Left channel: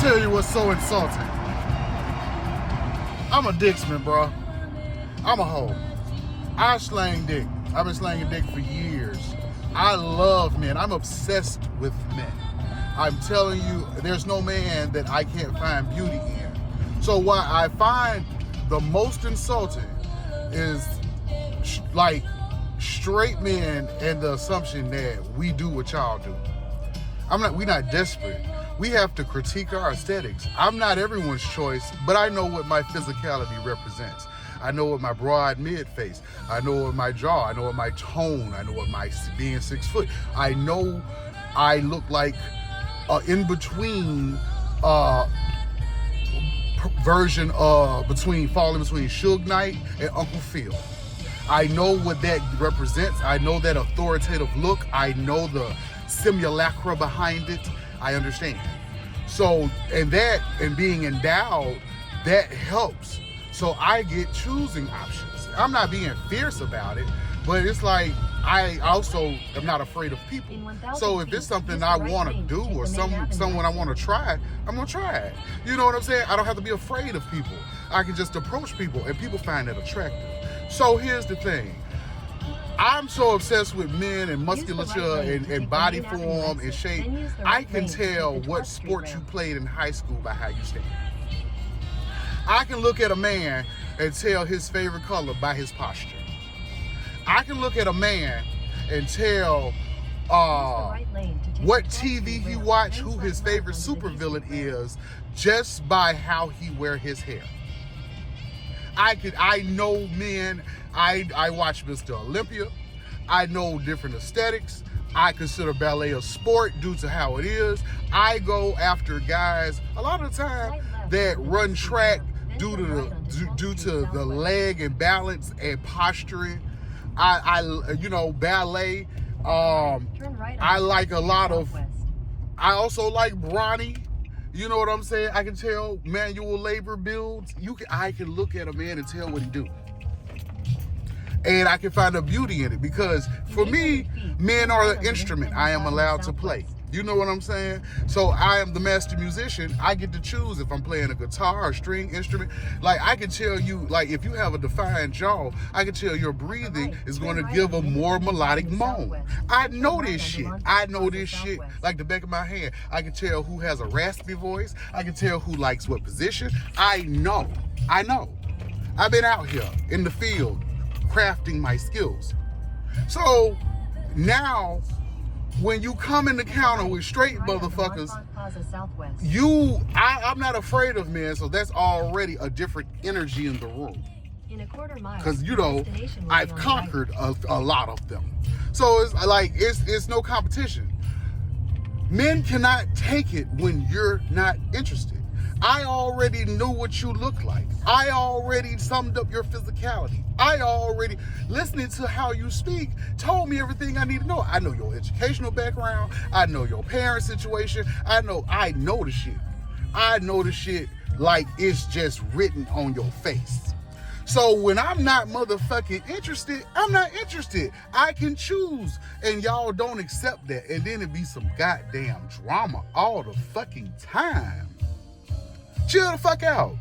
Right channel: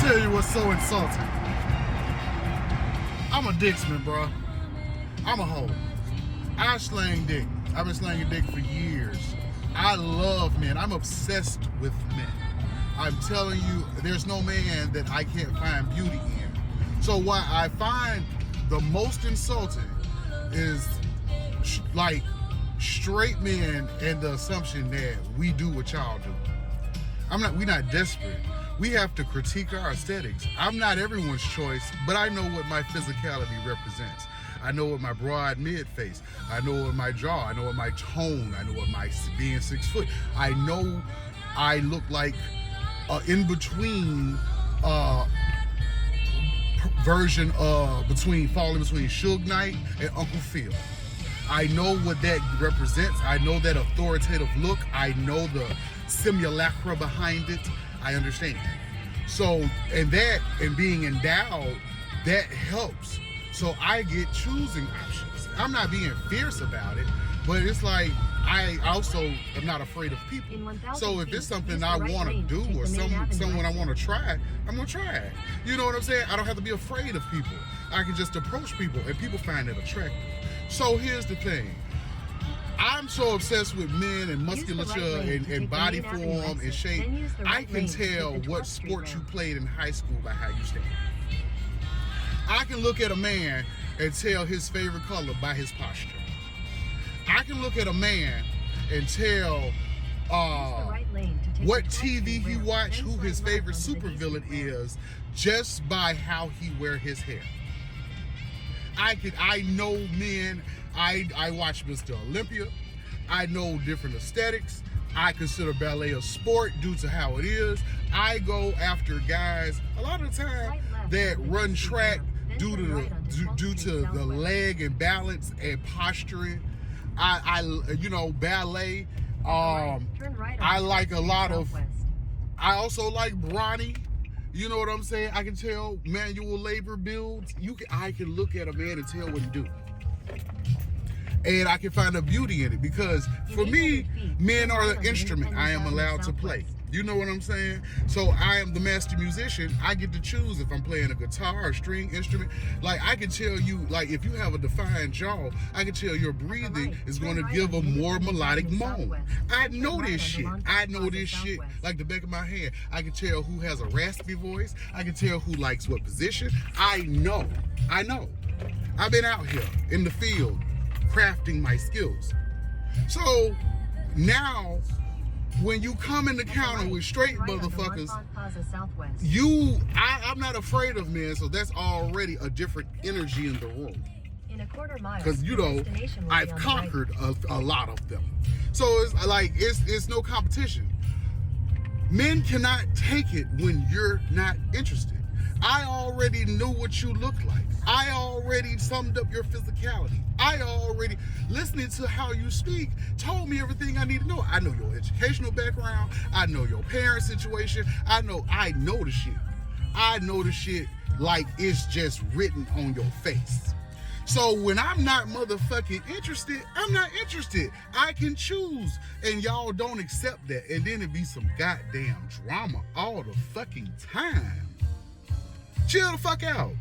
tell you what's so insulting. I'm a dicksman, bro. I'm a hoe. I slang dick. I've been slanging dick for years. I love men. I'm obsessed with men. I'm telling you, there's no man that I can't find beauty in. So what I find the most insulting is like straight men and the assumption that we do what y'all do. We're not desperate. We have to critique our aesthetics. I'm not everyone's choice, but I know what my physicality represents. I know what my broad mid face. I know what my jaw. I know what my tone. I know what my being 6 foot. I know I look like in between version falling between Suge Knight and Uncle Phil. I know what that represents. I know that authoritative look. I know the simulacra behind it. I understand. So, and being endowed, that helps. So I get choosing options. I'm not being fierce about it, but it's like, I also am not afraid of people. So if it's something I want to do or someone I want to try, I'm going to try it. You know what I'm saying? I don't have to be afraid of people. I can just approach people and people find that attractive. So here's the thing. I'm so obsessed with men and musculature and body form and shape. I can tell what sport you played in high school by how you stand. I can look at a man and tell his favorite color by his posture. I can look at a man and tell what TV he watch, who his favorite supervillain is, just by how he wear his hair. I know men. I watch Mr. Olympia. I know different aesthetics. I consider ballet a sport due to how it is. I go after guys a lot of the time that run track due to the leg and balance and posturing. You know, ballet. I like a lot of. I also like brawny. You know what I'm saying? I can tell manual labor builds. I can look at a man and tell what he do. And I can find a beauty in it because for me, men are an instrument I am allowed to play. You know what I'm saying? So I am the master musician. I get to choose if I'm playing a guitar or string instrument. Like I can tell you, like if you have a defined jaw, I can tell your breathing is going to give a more melodic moan. I know this shit. I know this shit like the back of my hand. I can tell who has a raspy voice. I can tell who likes what position. I know. I've been out here in the field crafting my skills. So now when you come in the counter with straight motherfuckers, I'm not afraid of men, so that's already a different energy in the room. Because you know, I've conquered a lot of them. So it's like it's no competition. Men cannot take it when you're not interested. I already knew what you look like. I already summed up your physicality. I already, listening to how you speak, told me everything I need to know. I know your educational background. I know your parent situation. I know the shit. I know the shit like it's just written on your face. So when I'm not motherfucking interested, I'm not interested. I can choose, and y'all don't accept that. And then it be some goddamn drama all the fucking time. Chill the fuck out.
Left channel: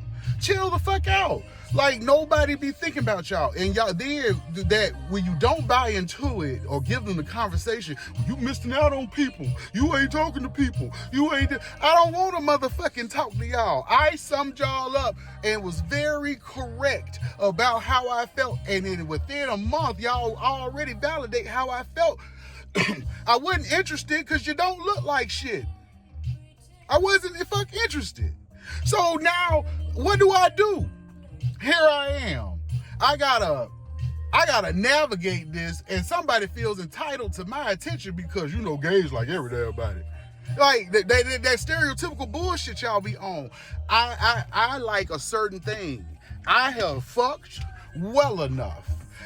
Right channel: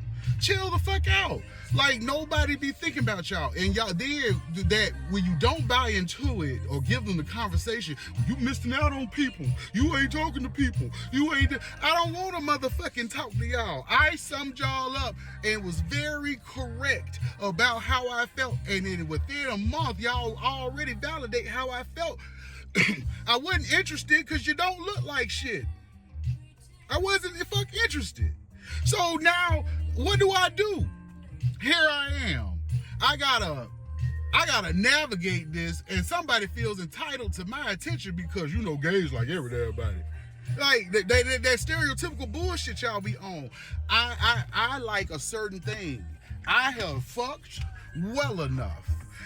Chill the fuck out. Like nobody be thinking about y'all. And y'all then that when you don't buy into it or give them the conversation, you missing out on people. You ain't talking to people. I don't want to motherfucking talk to y'all. I summed y'all up and was very correct about how I felt. And then within a month, y'all already validate how I felt. I wasn't interested because you don't look like shit. I wasn't interested. So now, what do? Here I am. I gotta navigate this, and somebody feels entitled to my attention because you know gays like everybody. Like that stereotypical bullshit y'all be on. I like a certain thing. I have fucked well enough.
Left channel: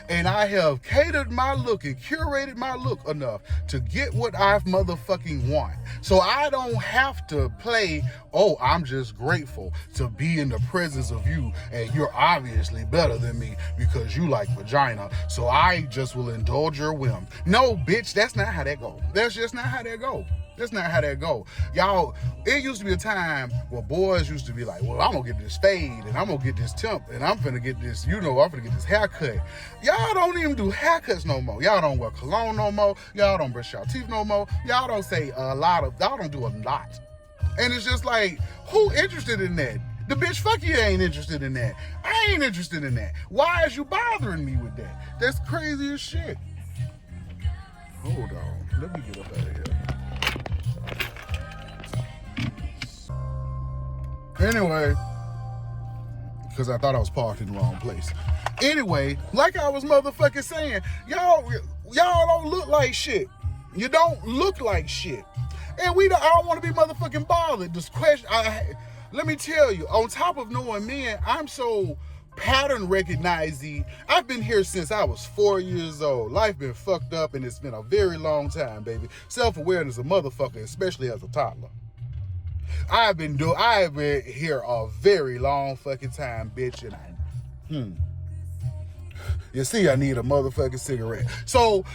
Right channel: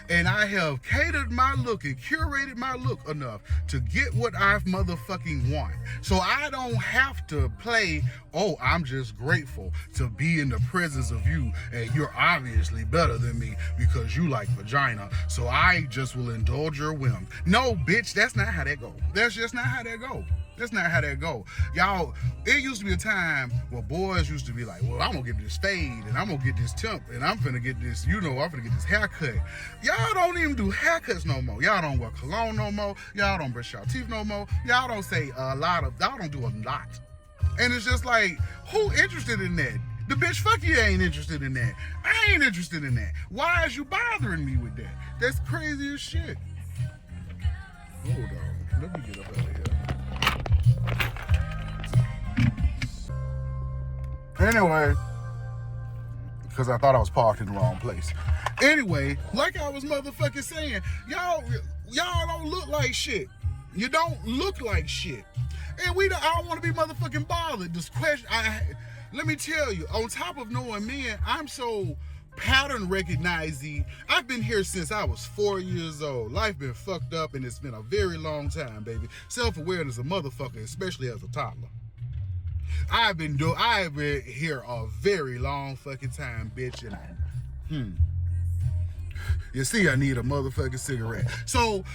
And I have catered my look and curated my look enough to get what I motherfucking want. So I don't have to play, oh, I'm just grateful to be in the presence of you and you're obviously better than me because you like vagina. So I just will indulge your whim. No, bitch, that's not how that go. That's just not how that go. That's not how that go. Y'all, it used to be a time where boys used to be like, well, I'm gonna get this fade and I'm gonna get this temp and I'm finna get this, I'm finna get this haircut. Y'all don't even do haircuts no more. Y'all don't wear cologne no more. Y'all don't brush your teeth no more. Y'all don't say y'all don't do a lot. And it's just like, who interested in that? The bitch, fuck you, ain't interested in that. I ain't interested in that. Why is you bothering me with that? That's crazy as shit. Hold on, let me get up out of here. Anyway, because I thought I was parked in the wrong place. Anyway, like I was motherfucking saying, y'all don't look like shit. You don't look like shit. And I don't want to be motherfucking bothered. This question, let me tell you, on top of knowing men, I'm so pattern recognizing. I've been here since I was 4 years old. Life been fucked up and it's been a very long time, baby. Self-awareness a motherfucker, especially as a toddler. I've been here a very long fucking time, bitch, and you see, I need a motherfucking cigarette. So,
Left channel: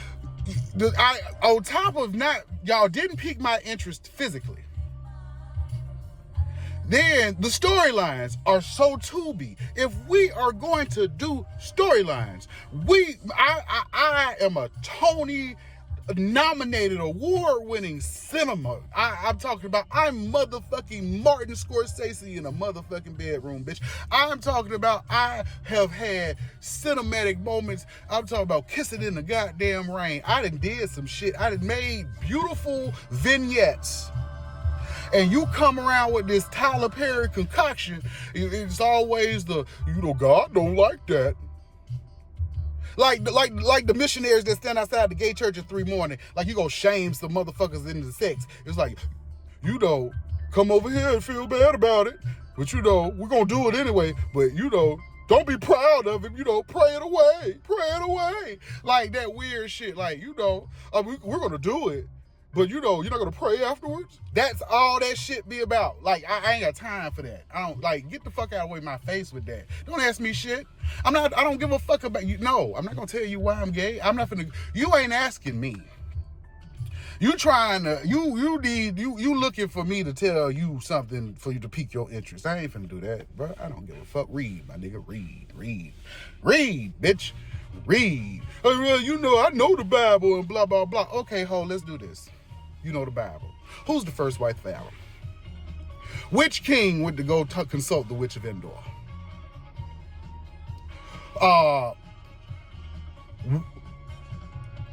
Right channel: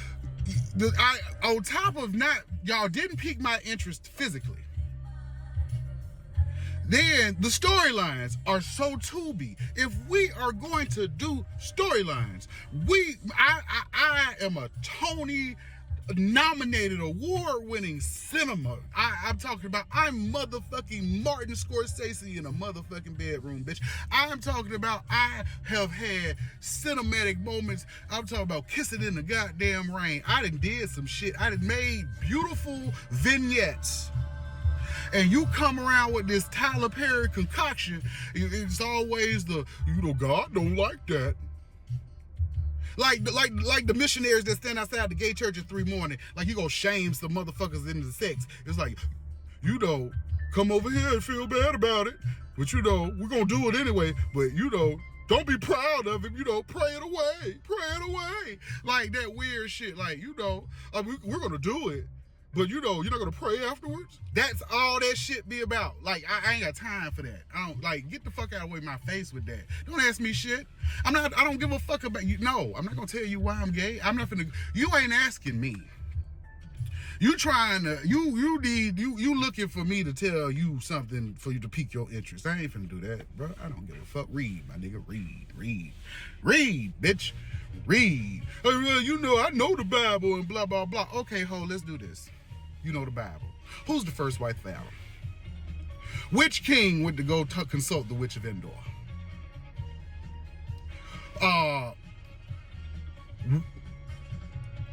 on top of y'all didn't pique my interest physically. Then the storylines are so Tubi. If we are going to do storylines, I am a Tony nominated, award-winning cinema. I'm talking about, I'm motherfucking Martin Scorsese in a motherfucking bedroom, bitch. I'm talking about, I have had cinematic moments. I'm talking about kissing in the goddamn rain. I done did some shit. I done made beautiful vignettes. And you come around with this Tyler Perry concoction, it's always the, God don't like that. Like the missionaries that stand outside the gay church at 3 morning, like you gonna shame some motherfuckers into sex. It's like, come over here and feel bad about it, but we're gonna do it anyway. But don't be proud of it. Pray it away, like that weird shit. Like we're gonna do it, but you're not gonna pray afterwards. That's all that shit be about. Like I ain't got time for that. I don't get the fuck out of my face with that. Don't ask me shit. I don't give a fuck about you. No, I'm not gonna tell you why I'm gay. I'm not finna. You ain't asking me. You trying to. You looking for me to tell you something for you to pique your interest. I ain't finna do that, bro. I don't give a fuck. Read, my nigga. Read, bitch. Read. I know the Bible and blah blah blah. Okay, let's do this. You know the Bible. Who's the first wife of Adam? Which king went to go consult the witch of Endor?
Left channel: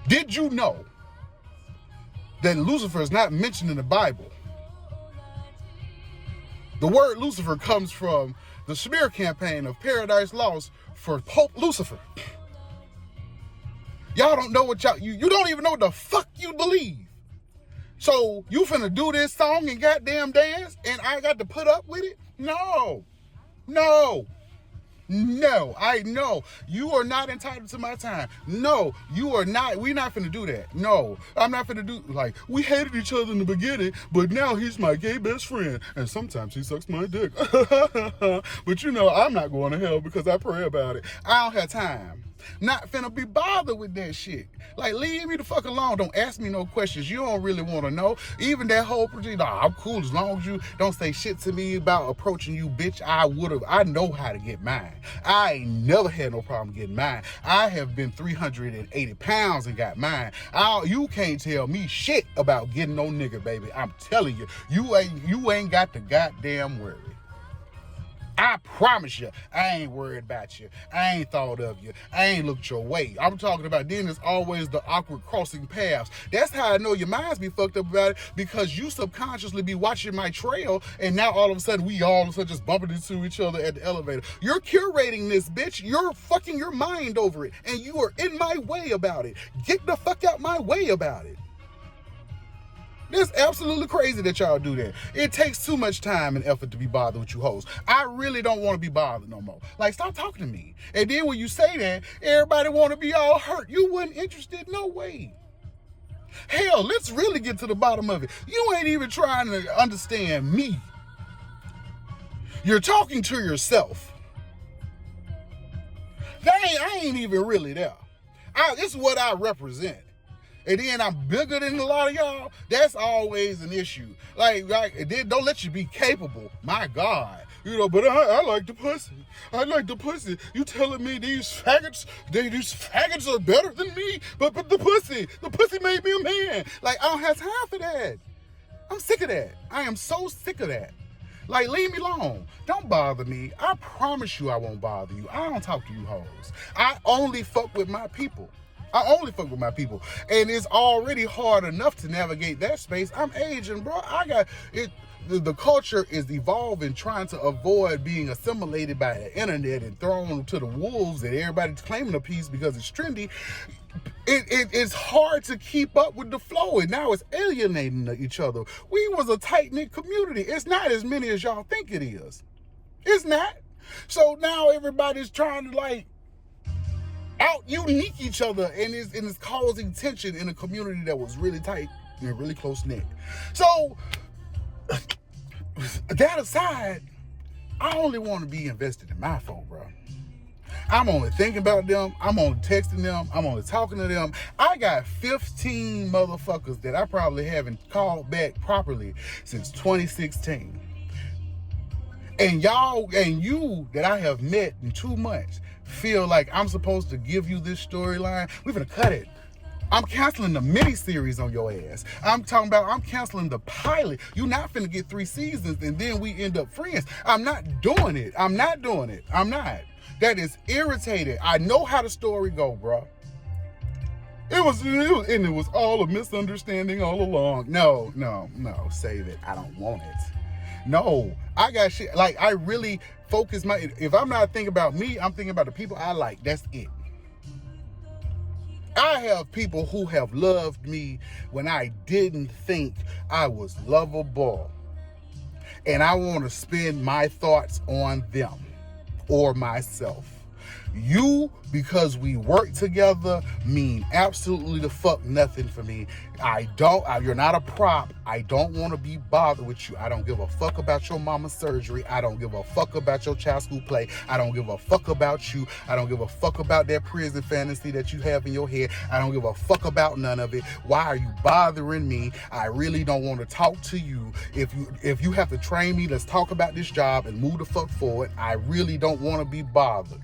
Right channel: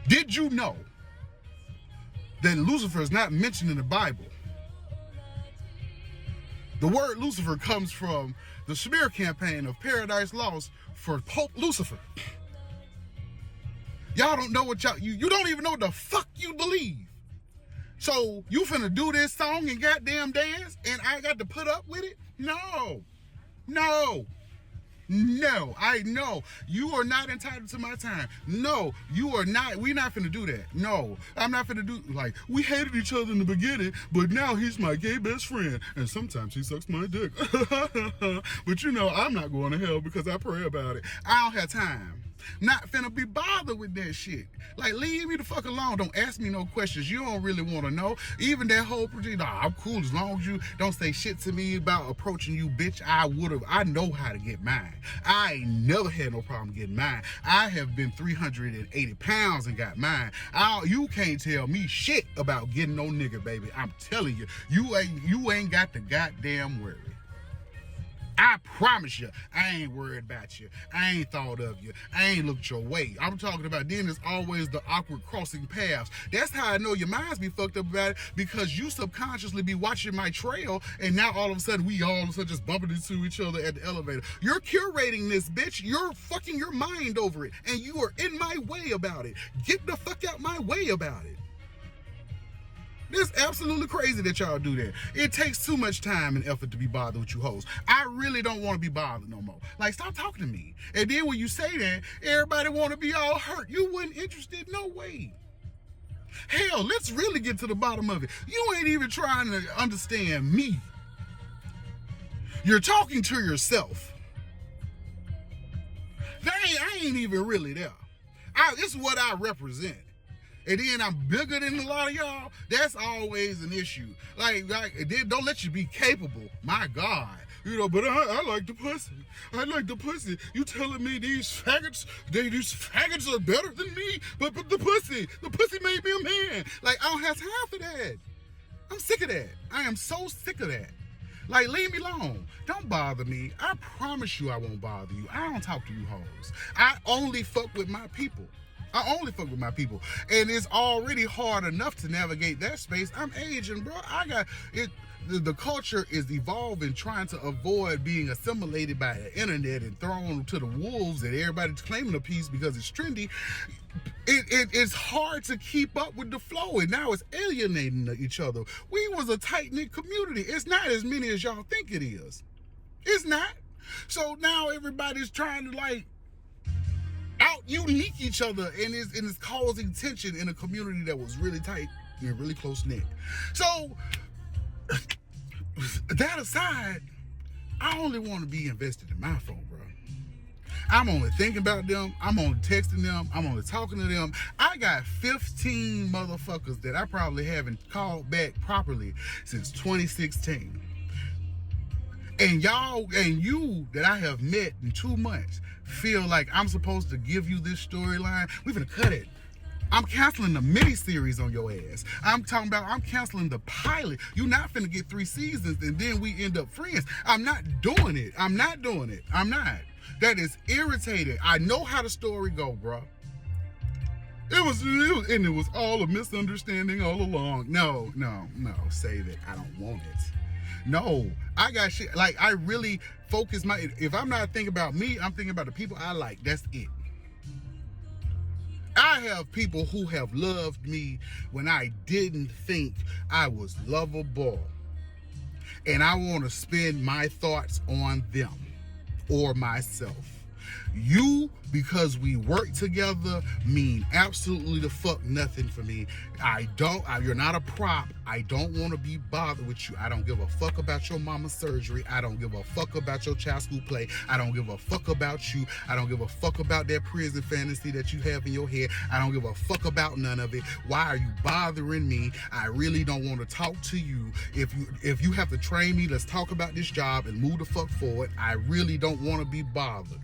Did you know that Lucifer is not mentioned in the Bible? The word Lucifer comes from the smear campaign of Paradise Lost for Pope Lucifer. Y'all don't know what you don't even know what the fuck you believe. So you finna do this song and goddamn dance and I got to put up with it? No. I know. You are not entitled to my time. No, you are not. We're not finna do that. No, I'm not finna do, we hated each other in the beginning, but now he's my gay best friend. And sometimes he sucks my dick. But I'm not going to hell because I pray about it. I don't have time. Not finna be bothered with that shit. Leave me the fuck alone. Don't ask me no questions you don't really want to know. Even that whole project, I'm cool as long as you don't say shit to me about approaching you, bitch. I know how to get mine. I ain't never had no problem getting mine. I have been 380 pounds and got mine. You can't tell me shit about getting no nigga, baby. I'm telling you, you ain't got the goddamn worry. I promise you, I ain't worried about you. I ain't thought of you. I ain't looked your way. I'm talking about then there's always the awkward crossing paths. That's how I know your mind's be fucked up about it, because you subconsciously be watching my trail and now all of a sudden we all of a sudden just bumping into each other at the elevator. You're curating this, bitch. You're fucking your mind over it and you are in my way about it. Get the fuck out my way about it. It's absolutely crazy that y'all do that. It takes too much time and effort to be bothered with you hoes. I really don't want to be bothered no more. Like, stop talking to me. And then when you say that, everybody want to be all hurt. You wasn't interested, no way. Hell, let's really get to the bottom of it. You ain't even trying to understand me. You're talking to yourself. I ain't even really there. This is what I represent. And then I'm bigger than a lot of y'all. That's always an issue. Like don't let you be capable. My God. You know, but I like the pussy. I like the pussy. You telling me these faggots are better than me? But the pussy made me a man. Like, I don't have time for that. I'm sick of that. I am so sick of that. Like, leave me alone. Don't bother me. I promise you I won't bother you. I don't talk to you hoes. I only fuck with my people. And it's already hard enough to navigate that space. I'm aging, bro. I got it. The culture is evolving, trying to avoid being assimilated by the internet and thrown to the wolves, and everybody's claiming a piece because it's trendy. It's hard to keep up with the flow, and now it's alienating each other. We was a tight-knit community. It's not as many as y'all think it is. It's not. So now everybody's trying to, like, out-unique each other, and it's causing tension in a community that was really tight and really close-knit. So, that aside, I only want to be invested in my folk, bro. I'm only thinking about them. I'm only texting them. I'm only talking to them. I got 15 motherfuckers that I probably haven't called back properly since 2016. And y'all and you that I have met in 2 months feel like I'm supposed to give you this storyline. We're gonna cut it. I'm canceling the mini-series on your ass. I'm canceling the pilot. You're not finna get 3 seasons and then we end up friends. I'm not doing it. I'm not. That is irritating. I know how the story go, bro. It was all a misunderstanding all along. No, save it. I don't want it. No, I got shit. Like, I really focus if I'm not thinking about me, I'm thinking about the people I like. That's it. I have people who have loved me when I didn't think I was lovable. And I want to spend my thoughts on them or myself. You, because we work together, mean absolutely the fuck nothing for me. You're not a prop. I don't want to be bothered with you. I don't give a fuck about your mama's surgery. I don't give a fuck about your child school play. I don't give a fuck about you. I don't give a fuck about that prison fantasy that you have in your head. I don't give a fuck about none of it. Why are you bothering me? I really don't want to talk to you. If you have to train me, let's talk about this job and move the fuck forward. I really don't want to be bothered.